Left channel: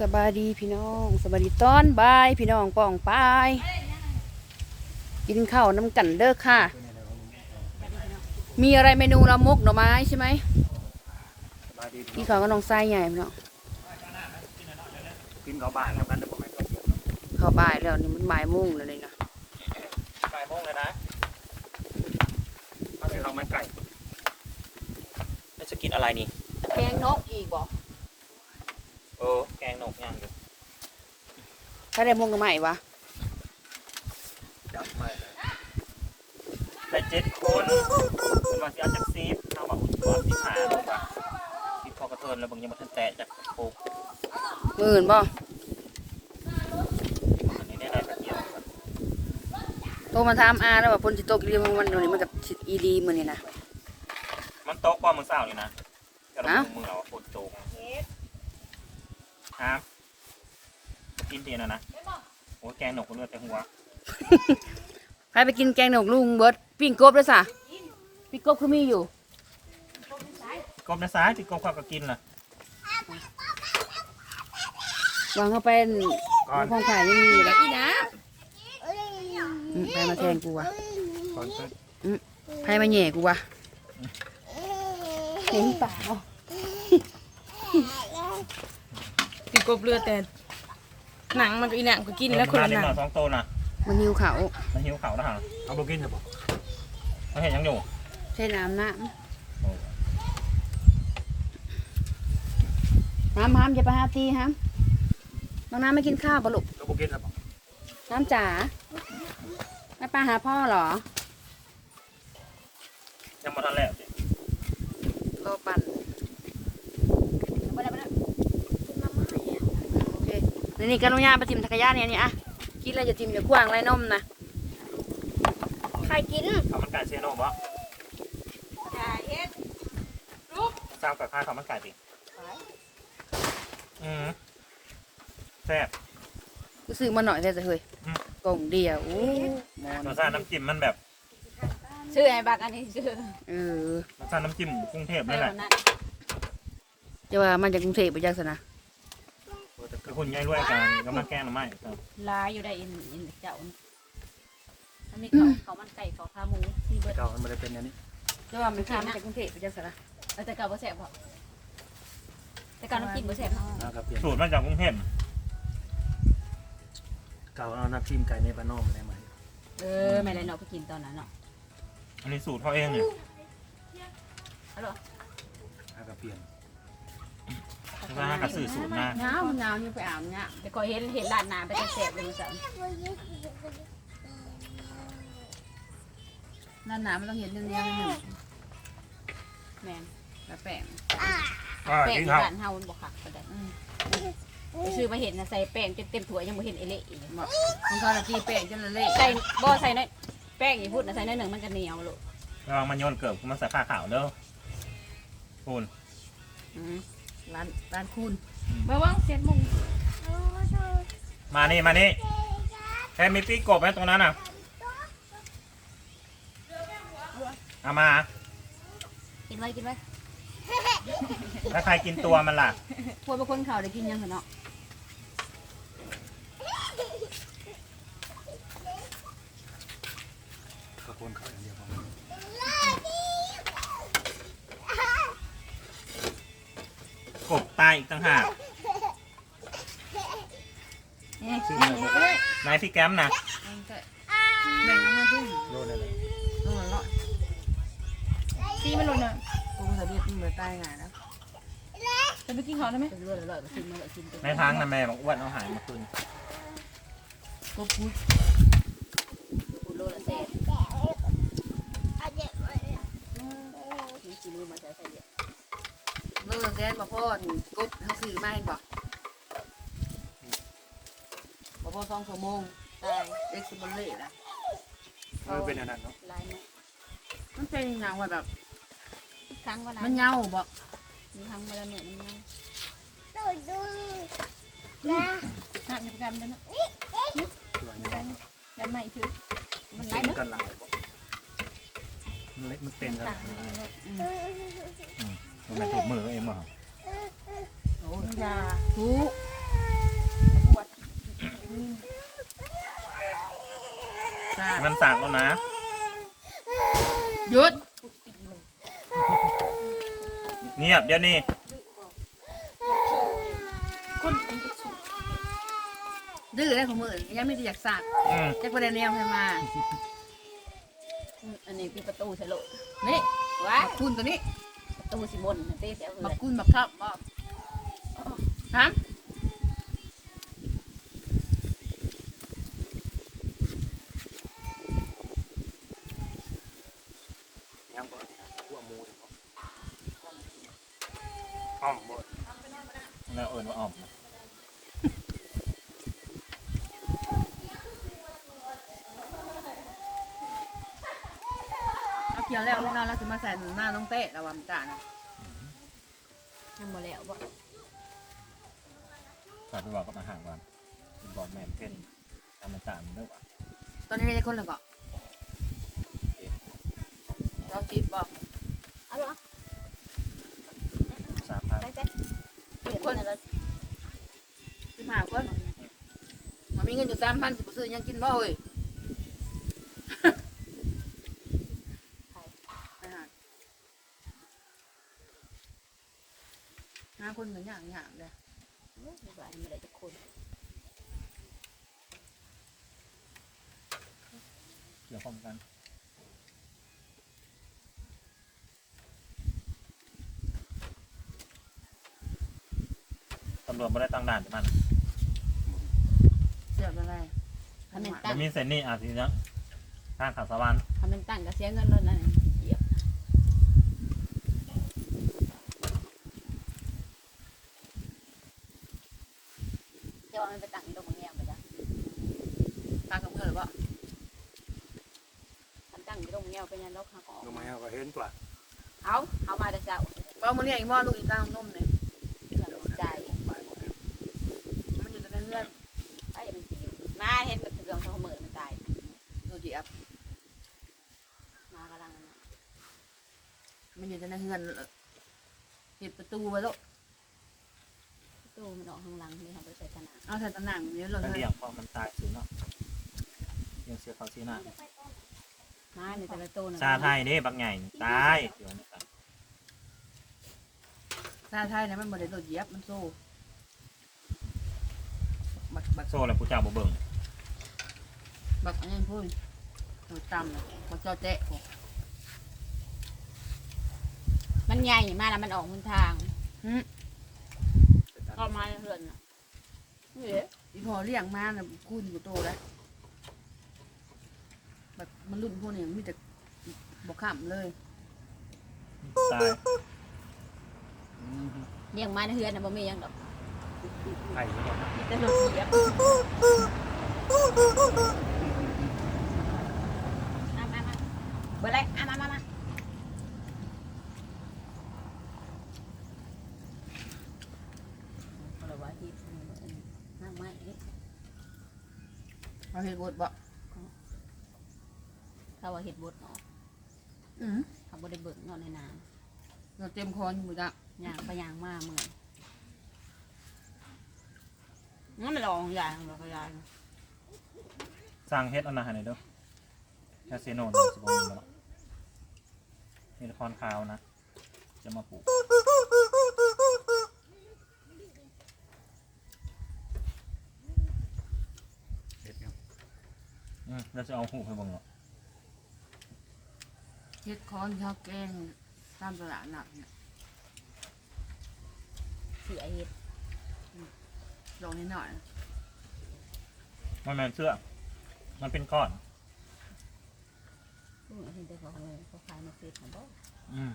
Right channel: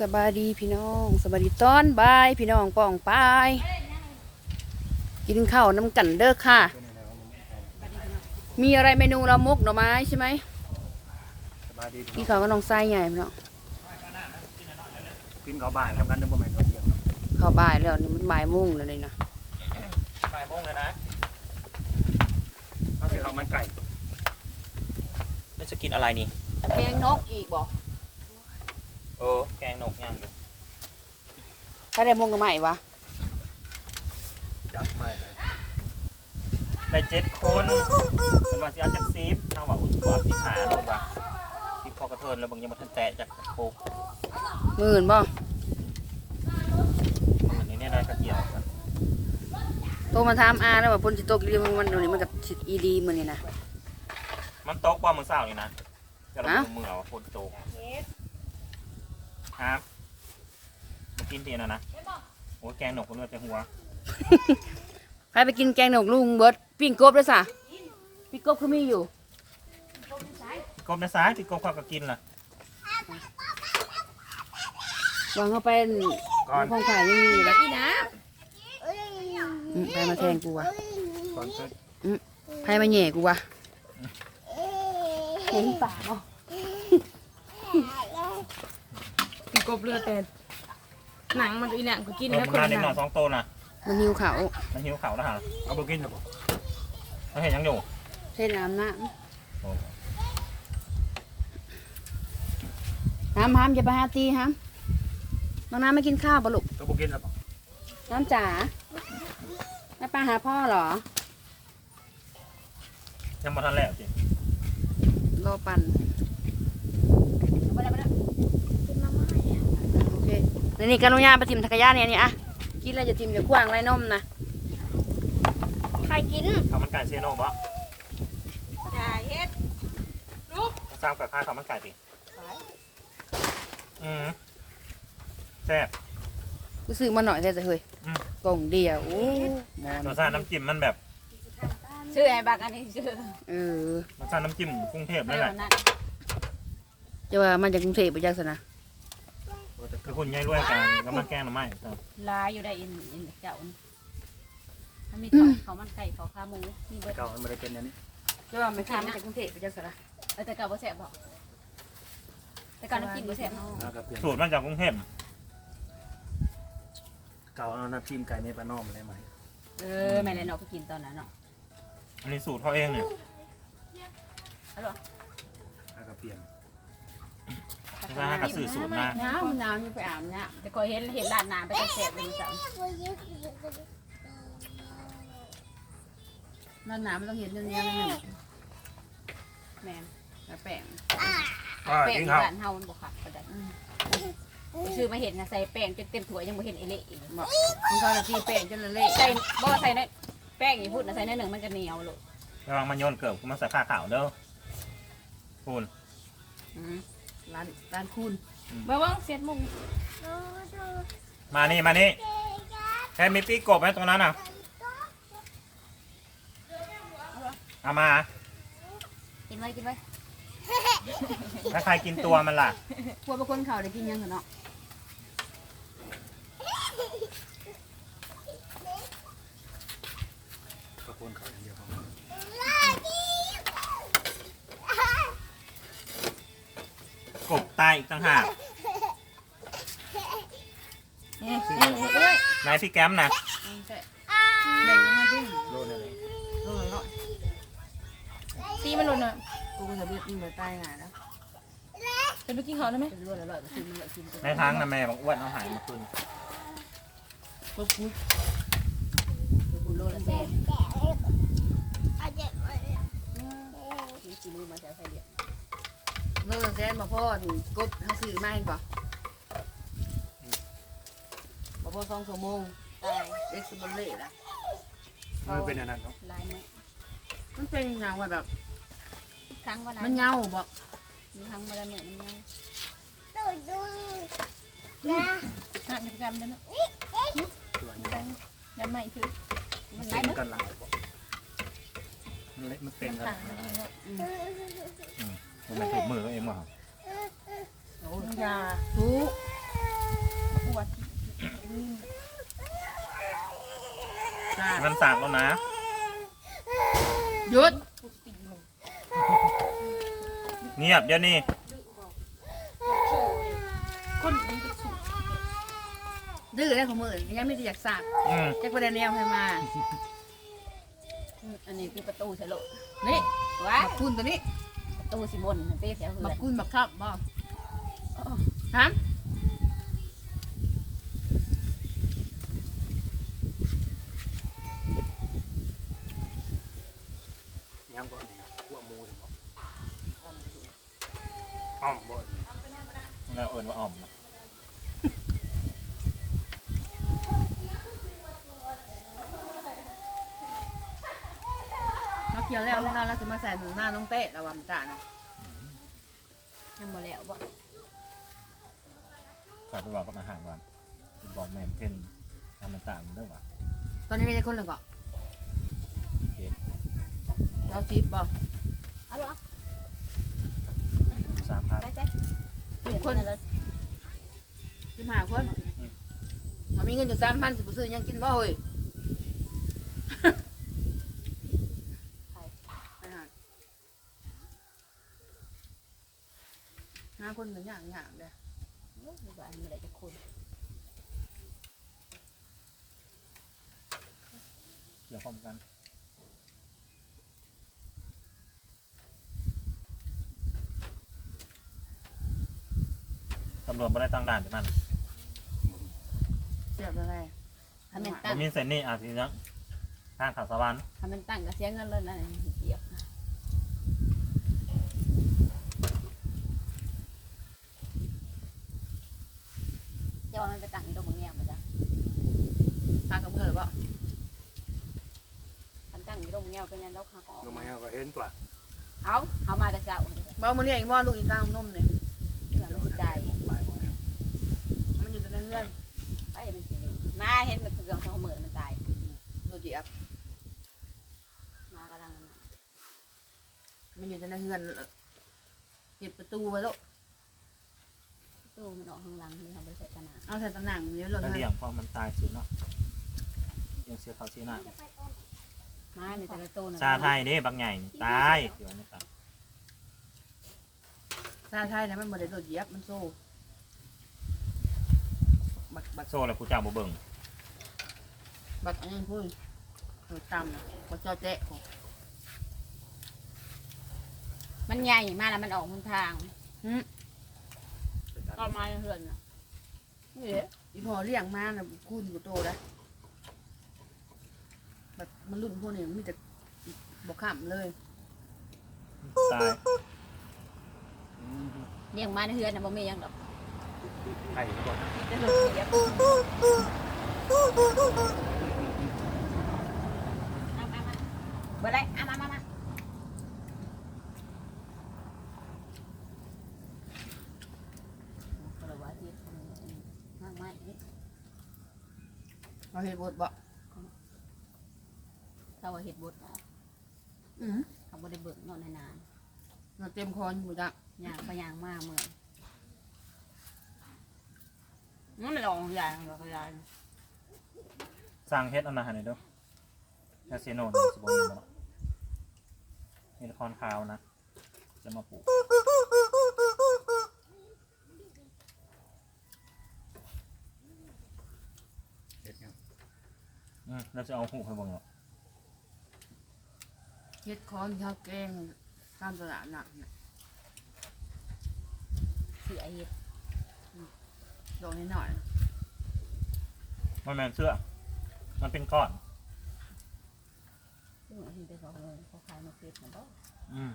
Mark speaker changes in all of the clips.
Speaker 1: สบายดีพี่น้องสบายดีตอนบ่ายพี่น้องป้องปายกินข้าวน้ำกันเด้อค่ะ มีอะไรเมนูละมกหน่อไม้ใช่ไหม
Speaker 2: สบายดี
Speaker 1: กินข้าวก็น้องไส้ใหญ่พี่น้อง
Speaker 2: กินข้าวบ่ายทำกันเด้อประมาณข้าวเที่ยง
Speaker 1: ข้าวบ่ายแล้วนี่มันบ่ายโมุ่งแล้วเลยนะ
Speaker 2: บ่ายโมงเลยนะถ้าเป็นข้าวมันไก่
Speaker 3: แล้วจะกินอะไรนี่
Speaker 1: แกงนกอีกบอก
Speaker 3: เออแกงนกย่างดู
Speaker 1: ถ้าได้มงกับใหม่วะ
Speaker 2: จับไม่
Speaker 3: ได้เจ็ดคนสมาชิกจักซีฟเอาว่าอุ่นกว่าที่หาลงมาที่พอกระเทินแล้วบางยังมาทันแตะจากโคก
Speaker 1: มืออื่นบ่
Speaker 3: อันนี้เนี่ยนะกระเทียม
Speaker 1: โตมาถามอาแล้วว่าฝนสิตกเรียมมันนี่มันกับสิอีดีมื้อนี่นะ
Speaker 3: มันตกบ่มือเศร้านี่นะจะล
Speaker 1: อ้าว
Speaker 3: งมือเอาฝนตก ฮะมากินเทียนแล้วนะโอ้แกงนกคนนู้นจะหัว
Speaker 1: ใครไปกินแกงนกลุงเบิดปิ้งกบด้วยซะปิ้งกบคือมีอยู่
Speaker 3: กบนะซ้ายที่กบเขาก็กินล่ะ
Speaker 1: วางเข้าไป
Speaker 2: ก่อน
Speaker 1: ห้องขายยังมีอยู่เลยอืมไปมาแทงกูวะ
Speaker 2: ก่อนซื้อ
Speaker 1: ไปมาแหย่กูวะเห็นป่าบ่
Speaker 4: กินกบเรือแต่หนังมันก็อีหนังก็กิน
Speaker 3: เออ
Speaker 4: แล้วคน
Speaker 3: มา
Speaker 4: ละ
Speaker 3: เล็
Speaker 4: ห
Speaker 3: ก
Speaker 4: นั
Speaker 3: หน่อย
Speaker 4: ง
Speaker 3: สองโตวน่ะ
Speaker 1: มันหิวเขา
Speaker 3: มันหิวเขาวแล้วฮะ
Speaker 2: เอาไปกินหรือเปล่า
Speaker 3: มันเห็นยังอยู่
Speaker 1: เท่น้ำน้
Speaker 3: โอ้ำ
Speaker 1: น้ำห้ามจะไปหาตีห้ามน้องน้ำไม่กินข้าวปะลูก
Speaker 2: เอาไปกินหรือเปล่า
Speaker 1: น้ำจ๋าไม่ไปหาพ่อเหรอ
Speaker 3: ยังมาทันแล้วสิ
Speaker 1: รอปั่นโอ เคแล้วนี่กรุณาไปทิมทักรยานเนี่ยนี่อะกินอะไรจะทิมเดี๋ยวกว้างไรนมนะใครกิน
Speaker 3: ข้าวมันไก่เชโน่บ่สร้างแบบข้าวข้าวมันไก่ดิอืมแซ่บ
Speaker 1: กูซื้อมาหน่อยแต่เฮ้ย
Speaker 3: อืม
Speaker 1: กล่องเดียวโอ้หมอ
Speaker 3: ร
Speaker 1: น
Speaker 3: สชาติน้ำจิ้มมันแบบ
Speaker 4: ชื่อไอ้บักอันนี้ชื่อ
Speaker 1: เออ
Speaker 3: รสชาติน้ำจิ้มกรุงเทพ
Speaker 4: ไม่
Speaker 3: นั่นแห
Speaker 4: ห
Speaker 3: ละ
Speaker 4: นั้น
Speaker 1: จะว่ามาจากกรุงเทพไปจังสนะ
Speaker 3: คือคุณยายรวยกันกำลังแกล้งหรือไม่ครับ
Speaker 4: ลายอยู่ได้อินอินเจ้านี่มันมีเขาเขามันไก่เขาขาหมูมีเบิด
Speaker 2: เก่ามันไม่ได้เป็นอย่างนี้
Speaker 1: จะว่าไม่ข้ามมาจากกรุงเทพไปจังสนะ
Speaker 4: เออแต่เก่าบ่แซ่บบ่แต่การน้ำจิ้มบ่แซ่บบ่
Speaker 2: นะครับเปลี่ยน
Speaker 3: สูตรมาจากกรุงเทพ
Speaker 2: เก่าเอาน้ำจิ้มไก่ในบ้านนอกมาได้ไหม
Speaker 4: เออแม่เลยเนาะไปกินตอนนั้นเนาะ
Speaker 3: อันนี้สูตรเขาเองเนี่ย
Speaker 2: นะครับเปลี่ยน
Speaker 3: ถ้ากับสื่อสูตรมา
Speaker 1: หนาวมันหนาวยังไปอาบเนี่ย
Speaker 4: แต่ก็เห็นเห็นร้านน้ำไปแต่แซ่บเลยมันสั่น
Speaker 1: หน้าหนาวมันต้องเห็นเนี้ยๆนิดหนึ่ง
Speaker 4: แม่น
Speaker 1: แต่แป้ง
Speaker 2: อ่า
Speaker 4: แป้ง
Speaker 2: กิน
Speaker 4: ที่
Speaker 2: ข้าว
Speaker 4: บ้านเฮามันบ่คักปานใดไปซื้อมาเห็นนะใส่แป้งจนเต็มถ้วยยังบ่เห็นไอ้เละอีก
Speaker 1: บอกของเขาจะตีแป้งจนละเละ
Speaker 4: ใส่บ่ใส่ในแป้งอีพูดนะใส่ในหนึ่งมันก็เหนียวโลด
Speaker 3: ระวังมันโยนเกิบมันใส่ผ้าขาวเด้อคุณ
Speaker 1: อืม ร้านร้านคุณ
Speaker 4: บ่ว่าเสียดมุง
Speaker 3: มานี่มานี่แทนมิตี้กบไหมตรงนั้นอะเอามา
Speaker 4: กินไว้กินไว้
Speaker 3: ถ้าใครกินตัวมันล่ะ
Speaker 1: พวกเป็นคนเขาได้กินยังเหรอเนาะ
Speaker 2: ขอบคุณเขาอย่างเดียวพอ
Speaker 3: กบตายอีกต่างหาก
Speaker 1: นี่
Speaker 2: ชื่อ
Speaker 1: นี่
Speaker 2: อะไร
Speaker 1: นี่
Speaker 3: นายพี่แก้มนะ
Speaker 1: เอาใส่แบ่งออกมาดิ
Speaker 2: โลดเลยเลย
Speaker 1: โลละร้อย
Speaker 4: ซีมันหล่นอะ
Speaker 1: กูจะเรียกมึงไปตายง่ายนะ
Speaker 4: จะไปกินข้าวได้ไหมเป็นรวดอร่อยๆกินมันละกิน
Speaker 3: ในทางนะแม่บอกอ้วนเอาหายมาคืน
Speaker 1: ก็พูด
Speaker 4: กูโลละแซ่นี่กินนี่มาใส่ใส่เดียว
Speaker 1: โลละแสนบ่พ่อนี่กบเขาซื้อมาเห็นบ่บ่พ่อสองชั่วโมง
Speaker 4: ตาย
Speaker 1: เอ็กซ์บอลเล่ละ
Speaker 2: มันเป็นอันนั้นเนาะ
Speaker 4: ลายมัน
Speaker 1: มันเป็นอย่างว่าแบบ
Speaker 4: ทุกครั้งเวลา
Speaker 1: มันเหงาบ่
Speaker 4: มีครั้งเวลาเนี่ยมันยัง
Speaker 5: น้ำจำได้ไหม
Speaker 2: ตัวนี้
Speaker 5: ยันไม่ถือ
Speaker 4: มัน
Speaker 2: เป็
Speaker 4: ลาย
Speaker 2: น
Speaker 4: มัน
Speaker 2: กันหลายบ่มันเล็กมันเป็นกันหลาย
Speaker 3: มั มันถูกมือเองมั้ง
Speaker 1: ยาถูก
Speaker 3: มันตากแล้วนะ
Speaker 1: หยุด
Speaker 3: เงียบเดี๋ยวนี้
Speaker 4: คนดื้
Speaker 1: อได้ของมือยังไม่ได้อยากสากจะประเด็นแนวใครมา
Speaker 4: อันนี้คือประตูเฉลย
Speaker 1: นี่
Speaker 4: ว้า
Speaker 1: คุณตัวนี้
Speaker 4: ประตูสิบนเต้แถวเล
Speaker 1: บัก
Speaker 4: ย
Speaker 1: คุณบักทับบ่ฮะ
Speaker 2: ยังบ่นี่นะหัวหมูเดี๋ยวบ่อ้อมบ่
Speaker 3: แล้วเอิญว่าอ่อม
Speaker 1: เราเคี่ยวแล้วแล้วเราจะมาใส่หน้าน้องเต้ระวังจ้านะ
Speaker 4: ยังบ่แล้วบ่
Speaker 3: ฝากไปบอกกับอาหารก่อนบอกแม่เพ่นทำมันต่างมันด้วยวะ
Speaker 1: ตอนนี้ได้คนหนึ่งก็เราจีบบ่
Speaker 4: เอาลูก
Speaker 3: สามพัน
Speaker 4: ไปจ้ะเปลี่ยนคนละ
Speaker 1: สิบห้าคนมันมีเงินอยู่สามพันสิบซื้อยังกินบ่เฮ้ยอาหารห้า คนเหมือนอย่างอย่างเลย
Speaker 4: ไม่ได้ไม่ได้จะคน
Speaker 3: เกี่ยวข้องกันตำรวจไม่ได้ตั้งด่านที่มัน
Speaker 1: เสียบอะไร
Speaker 4: ถ้ามัน
Speaker 3: มั
Speaker 4: ตั้
Speaker 3: น
Speaker 4: ง
Speaker 3: มีเส้นนี่อาทีนี้ทางขับสวรรค์
Speaker 4: ถ้ามันตั้งก็เสียเงินแล้วนะเจียบจะวางไปตั้งตรงนี้มาจ้ะ
Speaker 1: ตากับเพื่อนหรือเปล่า
Speaker 4: มันตั้งอยู่ตรงนี้เป็นยันเราขาออก
Speaker 2: ลงมาเอาก็เห็นตัว
Speaker 4: เอาเอามาแต่เช้า
Speaker 1: บ่เอามาเนี่ยอีกหม้อลูกอีกกลางนมเนี่ย
Speaker 4: อย่างใจ
Speaker 2: ไปบ่แล้ว
Speaker 1: มันอยู่ในเงื่อน
Speaker 4: ไอ้มันสิมาเห็นมันเรื่องของเหมือนมันตาย
Speaker 1: ดูจีอับ
Speaker 4: มากำลัง
Speaker 1: มันอยู่ในเงื่อนปิดประตูไว้แล้ว
Speaker 4: ตู้มันออกข้างหลังนี่ค่ะไปใส่ขนาด
Speaker 1: เอาใส่ตะหนังมันเยอะเลย
Speaker 3: แล้ว
Speaker 1: ให้
Speaker 3: เลี้ยงพอมันตายสูเนาะยังเสียเขาชีหน้า
Speaker 4: มาในแต่ละตู้นะ
Speaker 3: ซาไทยนี่บางใหญ่ตายเดี๋ยวนะครับ
Speaker 1: ซาไทยนะมันบ่ได้โดดเหยียบมันโซ่บักบัก
Speaker 3: โซ่แล้วผู้เจ้าบ่เบิ่ง
Speaker 1: บักอันนี้พูดโดดต่ำนะบักเจ้าเตะผม
Speaker 4: มันใหญ่มาแล้วมันออกบนทาง
Speaker 2: เป็นอัน
Speaker 4: ตอนมาเหือนน่ะนี่เหรอ
Speaker 1: อีพอเลี้ยงมาน่ะคูณกูโตแล้ว แบบมันรุ่นพวกนี้มีแต่บอกขำเลย
Speaker 3: ตาย
Speaker 2: อืม
Speaker 4: เลี้ยงมาในเหือนน่ะบ่มีหยังดอก
Speaker 2: ไข่บ่
Speaker 4: มีแต่ลูกเดียวเอามามาเบอร์แรกเอามามามาเอาละวะที่ห้างไม้นี่
Speaker 1: เอาเห็ดบดบ่
Speaker 4: เขาว่า เห็ดบดเนาะ
Speaker 1: อือ
Speaker 4: เขาบ่ได้เบิกเนาะในน้
Speaker 1: เราเต็มคอนอยู่จ้ะำ
Speaker 4: ย่างไปย่างมาเหมือนนั่นไม่ลองใหญ่เราก็ใหญ่
Speaker 3: สร้างเฮ็ดเอานาหารหน่อยเด้อแคสเซโนนี่สิบ่มีแล้วเนาะนี่ละครข่าวนะ จะมาปลูก
Speaker 2: เห็ดยัง
Speaker 3: อืมแล้วจะเอาหูไปเบิ่งเนาะ
Speaker 1: เห็ดคอนข้าวแกงตามตลาดหนักเนี่ย
Speaker 4: เสียเห็ด
Speaker 1: ดอกนิดหน่อยนะ
Speaker 3: มันแม่นเสื้อ มันเป็นก้อน
Speaker 4: พวกนี้เห็นแต่เขาเขาขายในเฟซของบ่
Speaker 3: อืม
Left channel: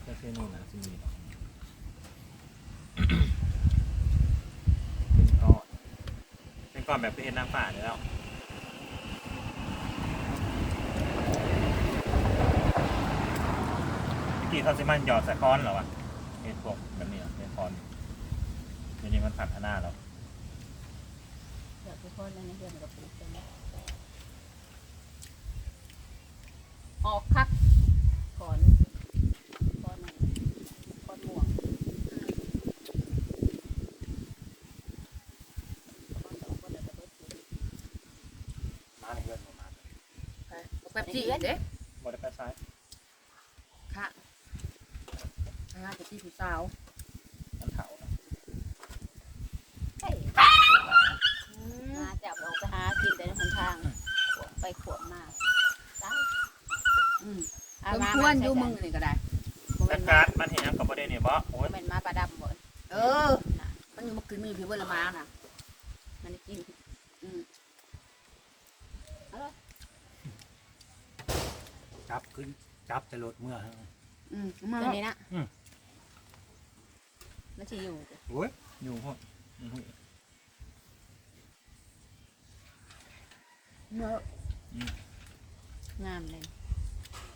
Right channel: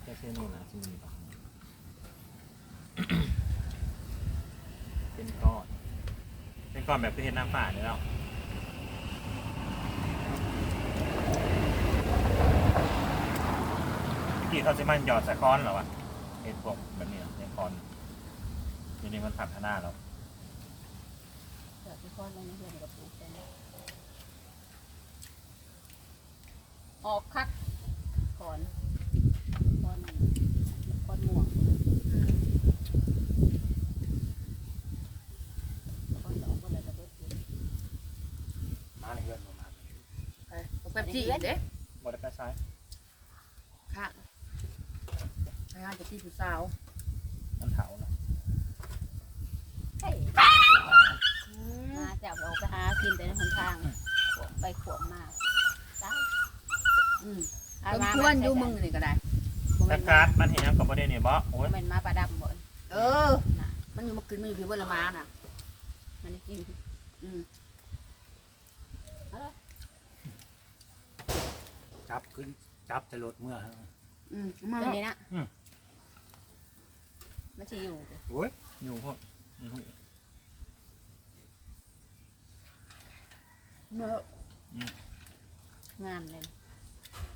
Speaker 3: แคสเซโนนะสิมีบ่เป็นก้อน เป็น ก้อนแบบที่เห็นน้ำป่าเนี่ยแล้วที่เขาจะมันหยอดส่คอนเหรอวะเห็นพวกแบบนี้เป็นคอนทีนี้มันพัฒนาแล้ว
Speaker 4: เดี๋ยวทุกคนเลยในเรื่องกับปลูกออกคักอนก่อนก่อนม่วง
Speaker 1: อืม จี้เด้
Speaker 3: บริษัทซ้าย
Speaker 1: ค่ะไปหาจะจี้ผู้สาว
Speaker 3: น้ำเถานะ
Speaker 4: เฮ้ยมาจับเราไปหากินแต่ในหนทางขวบไปขวบมาได้
Speaker 1: อืมเพิ่มควรอยู่มึงนี่ก็ได้
Speaker 4: บ่
Speaker 3: แต่
Speaker 4: แม่น
Speaker 3: กา
Speaker 4: มา
Speaker 3: รมันเห็นยังกับประเด็นเนี่ยบ่โอ้
Speaker 4: บ่
Speaker 3: ย
Speaker 4: แม่นมาประดับบ่
Speaker 1: เออ มันอยู่มากินมันอยู่เพียงเวลามาน่ะ
Speaker 4: มันกิน
Speaker 1: อืม
Speaker 2: จับขึ้นจับใส่รถเมื่อฮะ
Speaker 1: อืมเอามา
Speaker 4: ตัว
Speaker 1: แล้ว
Speaker 4: นี้นะ
Speaker 2: อืม
Speaker 4: มันสิอยู่
Speaker 2: โอ้ย
Speaker 3: อยู่พวกมันหุ้ย
Speaker 1: มาแล้ว
Speaker 4: งามเลย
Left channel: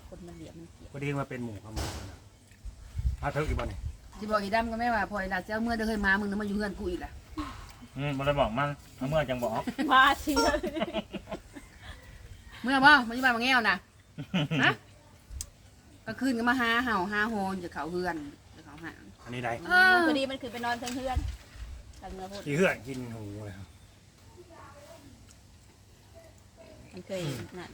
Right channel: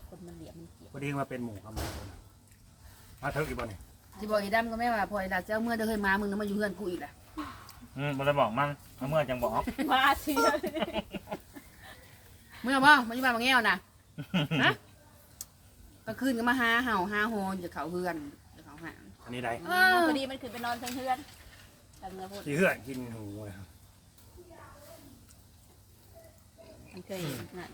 Speaker 4: คนมันเหลี่ยมมันเกลียด
Speaker 2: พอดีมาเป็นหมูกับหมูกันนะมาเถอะอีกบ่นี่
Speaker 1: ที่บอกอีดำก็แม่ว่าพออีหลาเจ้าเมื่อเด้อเคยมามึงน่ะมาอยู่เฮือนกูอีกแหละ
Speaker 3: อืมบ่ได้บอกมันเอาเมื่อจังบอก
Speaker 4: มาเชียว
Speaker 1: เมื่อบ่มาอยู่บ้านมาแง้วน่ะ ฮะก็คืนก็มาหาเห่าหาโฮนจะเขาเฮือนจะเขาหา
Speaker 2: อันนี้ได้
Speaker 1: อ้าว
Speaker 4: พอดีมันคือไปนอนเทิงเฮือนทำเงือพูด
Speaker 2: ขี้เหื่อนกินหมูเลยครับ
Speaker 4: มันเคยนั่น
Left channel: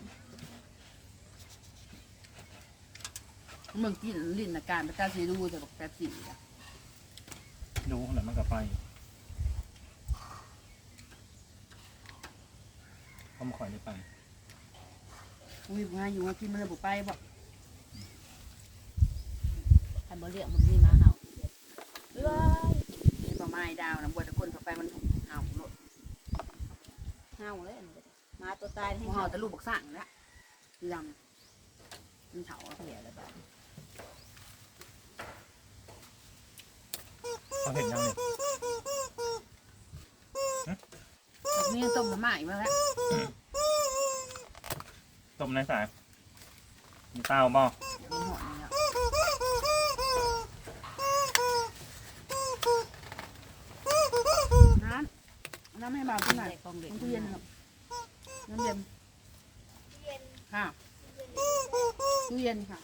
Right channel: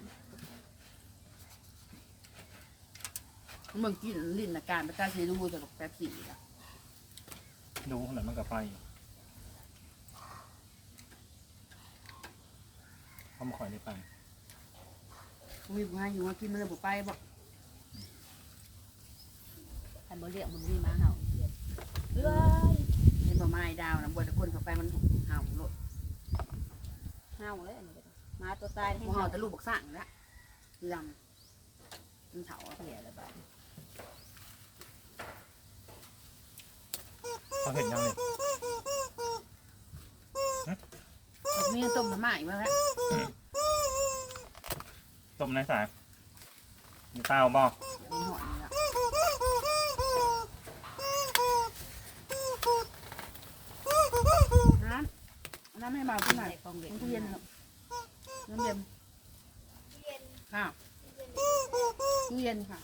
Speaker 1: เมืองกินลิ้นอาการประกาศสีดูแต่บอกแป๊บสี่อะ
Speaker 3: ดูแล้วมันก็ไปเขามาคอยได้ตังค์
Speaker 1: มีผู้ให้อยู่ว่ากินมันเลยบอกไปบอก
Speaker 4: ทำบ่เรื่องมันมีมาเห่าเอ้ย
Speaker 1: เห็นบ่ไม้ดาวนะบัวตะคนเข้าไปมันเห่าโลด
Speaker 4: เห่าเลยอันนี้ก็ได้มาตัวตายให้
Speaker 1: บ่เห่าแต่ลูกบักสั่งแล้วดำมันเถา
Speaker 4: เหลือแล้วบ้าน
Speaker 3: เขาเห็นยังนี่
Speaker 1: บอกมีต้มมาม่าอีกแล้ว
Speaker 3: ต้มในสายมีข้าวบ่
Speaker 1: เดี๋ยวมันหอนนี่แล้วน้ำเอน้ำให้บ่าวกินหน่อย
Speaker 4: ใส่กองเด็ก
Speaker 1: น้ำตู้เย็นครับน้ำเย็นค่ะตู้เย็นค่ะ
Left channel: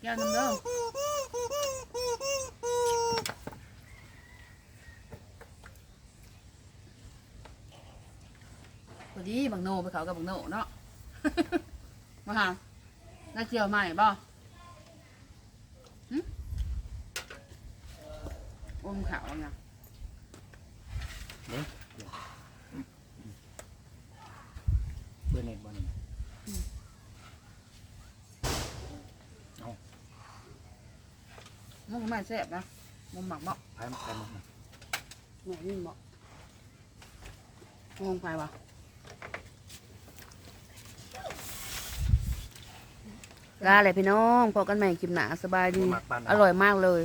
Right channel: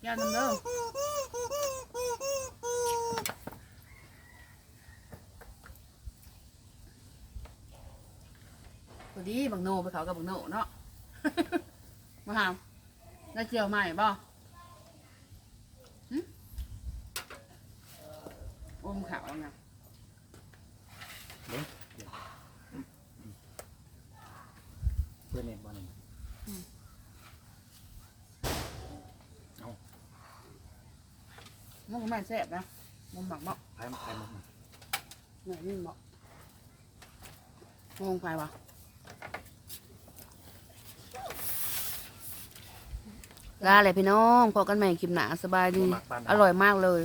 Speaker 1: แก้วน้ำเด้อพอ ดีบังโนไปเขากับบังโนเนาะ มาหาได้เจียวใหม่บ่หึอมขาวไง
Speaker 2: เบอร์เน็ตบ่นี่
Speaker 1: มันก็ไม่แซ่บนะมันหมักบ่
Speaker 2: ไผ่ไผ่หมกนะ
Speaker 1: ไหนนี่บ่ลงไปวะ ลาเลยพี่น้องพอกันใหม่คลิปหนาสบายดี
Speaker 2: หมักบ้าน
Speaker 1: อร่อยมากเลย